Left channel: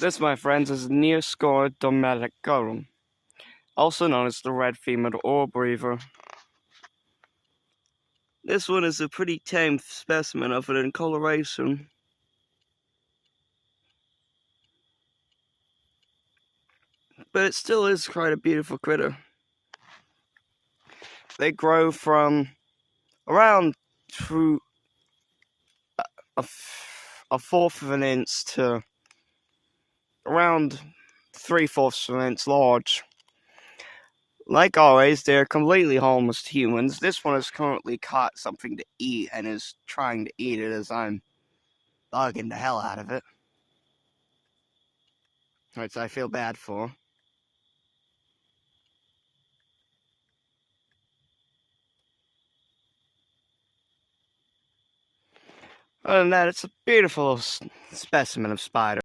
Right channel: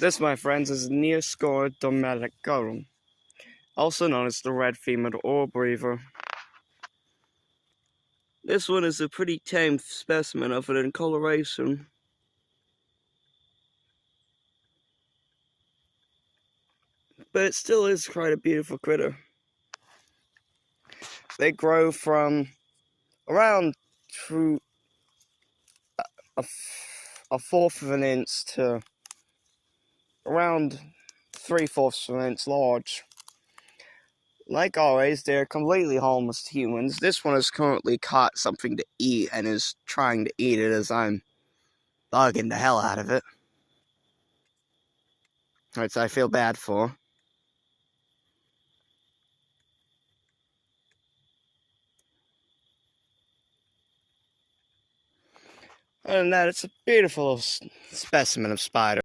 This, my friends, is Neoscora domesticarum, also known as the red-femmered ore breather. This one is a pretty tame specimen of it in coloration. But it still is quite a beautiful critter. They grow from around through a fourth of an inch to around 3/4 of an inch large. Like always, they are completely harmless to humans. This one has currently caught something to eat and is trying to eat it as I'm bugging the hell out of it. Which I feel bad for. Other than that, it's a beautiful specimen of spider.